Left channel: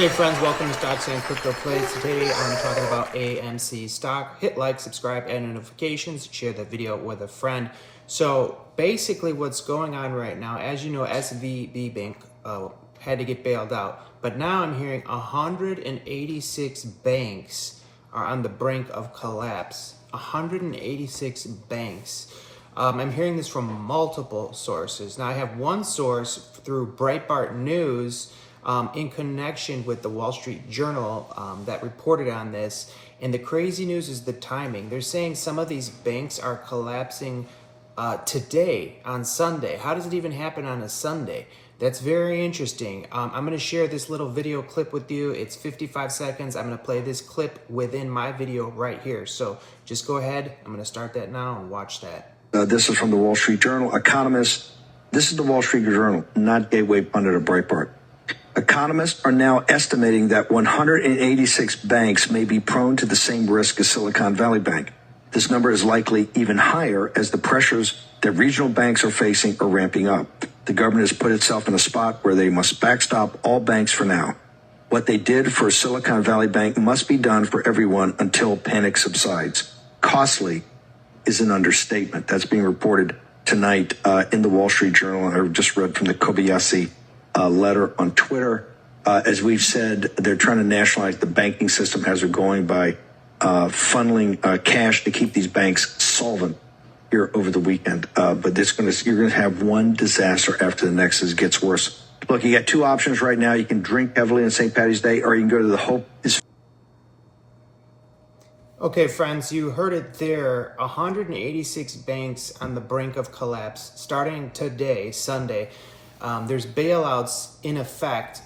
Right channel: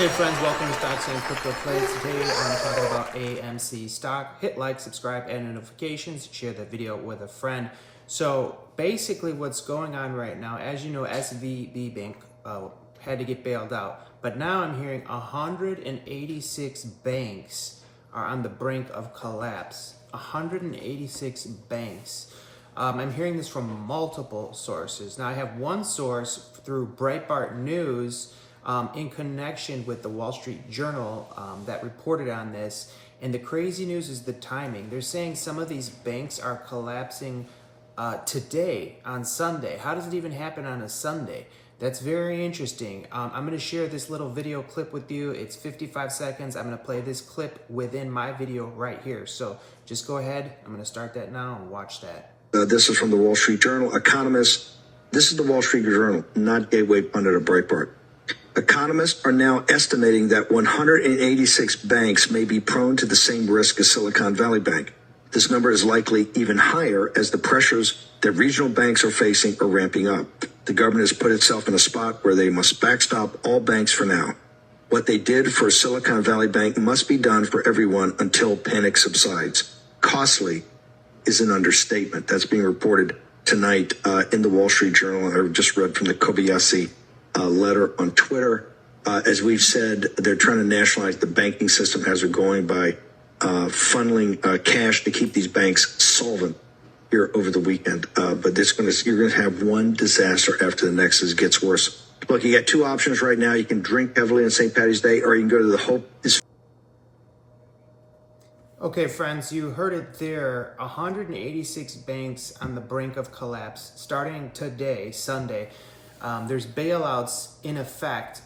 Hey friends, welcome to Stocks and Crypto Trades. Today I'm talking about AMC stock. Hit like, subscribe, and notifications. Share the video with a friend. So basically what's going on right now, as you know, SVB Bank had to get bailed out. But now I'm hearing 186 banks are on the brink of collapse. 186 banks. I'm hearing this from multiple sources. Now I have one source through Breitbart News in connection with the Wall Street Journal that reported on this. And the crazy news is the timing. They're saying some of these banks are collapsing today on Sunday. How does it even happen on a Sunday? That's very interesting. I'm going to share this little video clip with you. It's 55 seconds. I'm going to play this clip within my video right here. So just go ahead. I'm going to start that now and watch that. This is from the Wall Street Journal. Economists, this is the Wall Street Journal, not Gateway Pundit or Breitbart. Economists are now estimating that 186 banks may be prone to the same risk as Silicon Valley Bank. This number is likely even higher as the pressures that regional banks are facing are ramping up. The government has put itself in a spot where they must backstop all banks for now. What they did for Silicon Valley Bank must be done for everyone until panic subsides. Costly is an understatement. That's being reported tonight in the Wall Street Journal. I just read from the Kobayashi letter on Twitter. As we've said, they're trying to nationalize the banking system as they're going by funneling cash to keep these banks solvent here over the weekend. But you're going to have one disaster after the next as it gets worse. Look, you got two options right now. You can drink heavily on St. Patty's Day, or you can go to the Hope is. Okay, friends, you heard it there. 186 banks on the brink of collapse starting today, Sunday. There's bailouts in effect,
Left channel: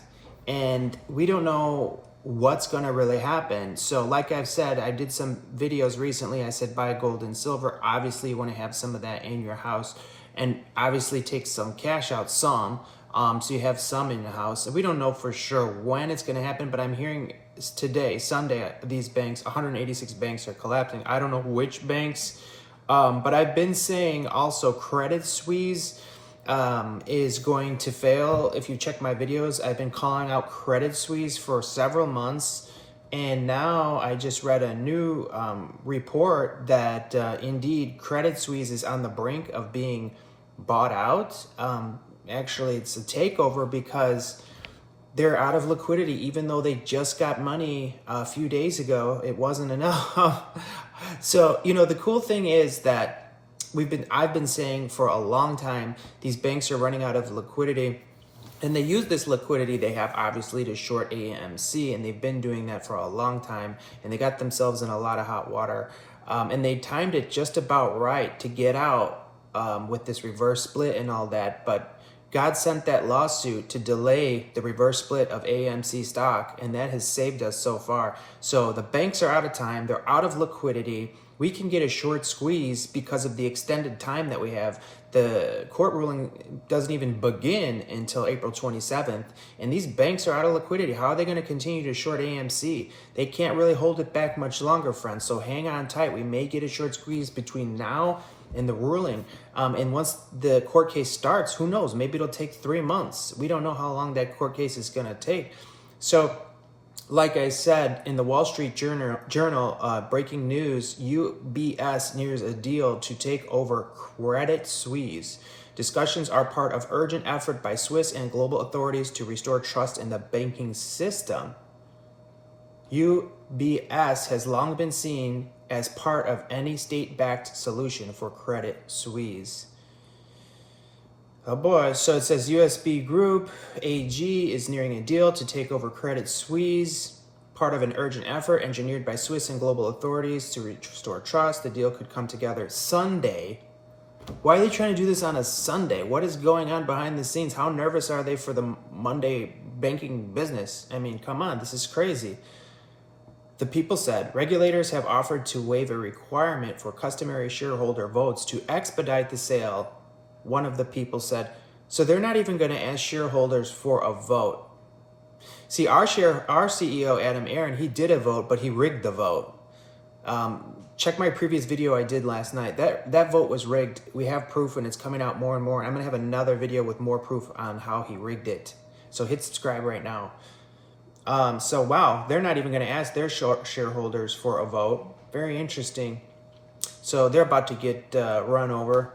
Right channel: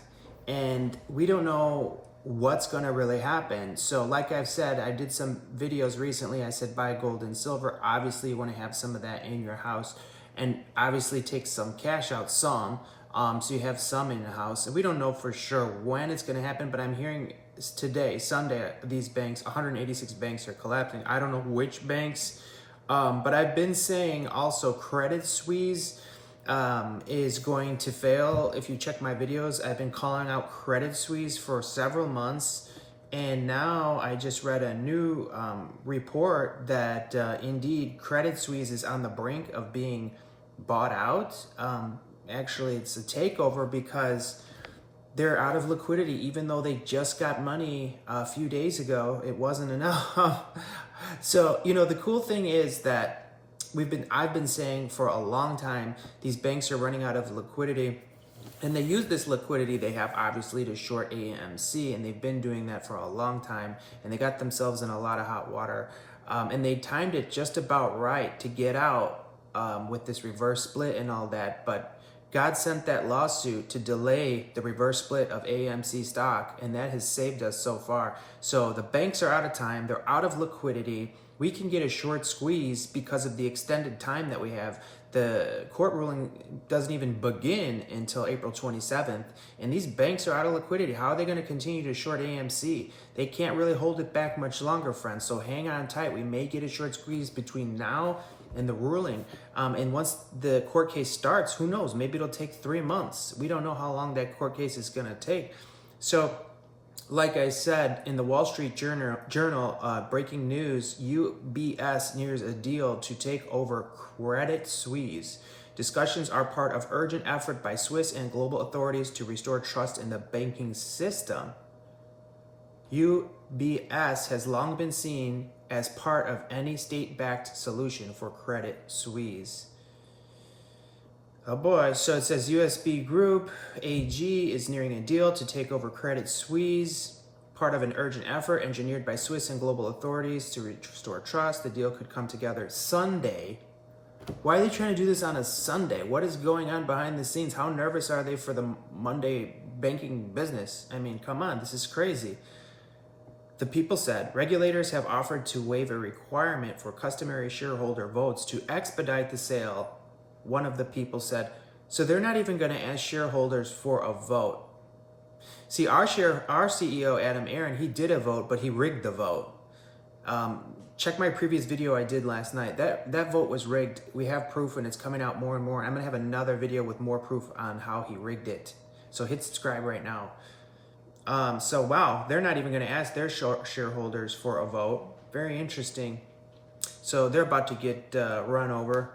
and we don't know what's going to really happen. So like I've said, I did some videos recently. I said buy gold and silver. Obviously, you want to have some of that in your house, and obviously take some cash out, so you have some in the house. And we don't know for sure when it's going to happen, but I'm hearing today, Sunday, these banks, 186 banks are collapsing. I don't know which banks, but I've been saying also Credit Suisse is going to fail. If you check my videos, I've been calling out Credit Suisse for several months, and now I just read a new report that indeed Credit Suisse is on the brink of being bought out. Actually, it's a takeover because they're out of liquidity. Even though they just got money a few days ago, it wasn't enough. So, you know, the cool thing is that I've been saying for a long time, these banks are running out of liquidity, and they use this liquidity they have obviously to short AMC, and they've been doing that for a long time, and they got themselves in a lot of hot water, and they timed it just about right to get out with this reverse split and all that. But God sent that lawsuit to delay the reverse split of AMC stock, and that has saved us so far. So the banks are out of time, they're out of liquidity. We can get a short squeeze because of the extended time that we have. The court ruling doesn't even begin until April 27th, and these banks are out of liquidity. How are they going to continue to short AMC? They can't really hold it back much longer, friends, so hang on tight. We may get a short squeeze between now and the ruling, and once the court case starts, who knows? Maybe it'll take 3 months. We don't know how long that court case is going to take. So like I said, in the Wall Street Journal, breaking news, UBS nears a deal to take over Credit Suisse. Discussions are part of urgent effort by Swiss and global authorities to restore trust in the banking system. UBS has long been seen as part of any state-backed solution for Credit Suisse. Oh boy, so it says USB Group AG is nearing a deal to take over Credit Suisse, part of an urgent effort engineered by Swiss and global authorities to restore trust. The deal could come together Sunday. Why are they trying to do this on a Sunday? What is going on behind the scenes? How nervous are they for the Monday banking business? I mean, come on, this is crazy. The People said regulators have offered to waive a requirement for customary shareholder votes to expedite the sale. One of the People said, so they're not even going to ask shareholders for a vote. See, our CEO, Adam Aaron, he did a vote, but he rigged the vote. Check my previous video I did last night. That vote was rigged. We have proof, and it's coming out more and more. And I'm going to have another video with more proof on how he rigged it. So hit subscribe right now. So wow, they're not even going to ask their shareholders for a vote. Very interesting. So they're about to get run over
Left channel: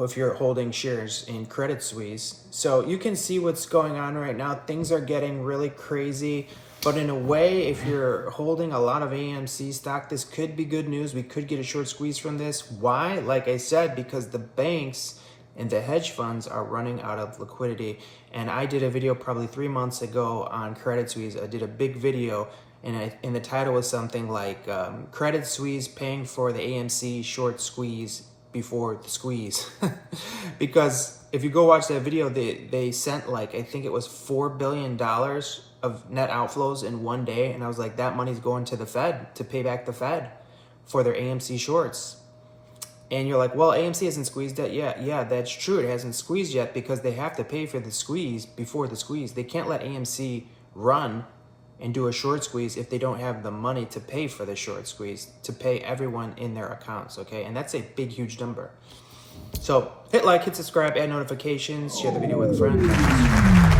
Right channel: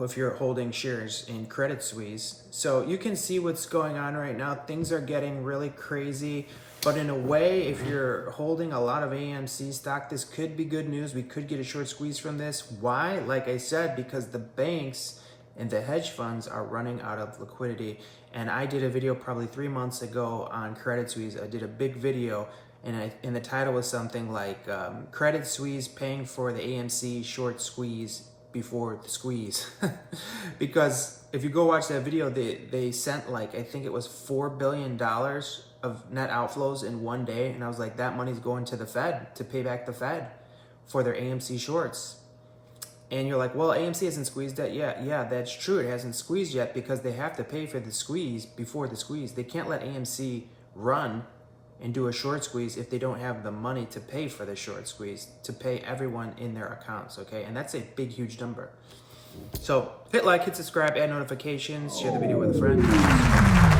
if you're holding shares in Credit Suisse. So you can see what's going on right now. Things are getting really crazy. But in a way, if you're holding a lot of AMC stock, this could be good news. We could get a short squeeze from this. Why? Like I said, because the banks and the hedge funds are running out of liquidity. And I did a video probably 3 months ago on Credit Suisse. I did a big video, and the title was something like Credit Suisse paying for the AMC short squeeze before the squeeze. Because if you go watch that video, they sent like, I think it was $4 billion of net outflows in one day. And I was like, that money's going to the Fed to pay back the Fed for their AMC shorts. And you're like, well, AMC hasn't squeezed that yet. Yeah, that's true. It hasn't squeezed yet because they have to pay for the squeeze before the squeeze. They can't let AMC run and do a short squeeze if they don't have the money to pay for the short squeeze, to pay everyone in their accounts, okay? And that's a big, huge number. So hit like, hit subscribe, add notifications, share the video with a friend.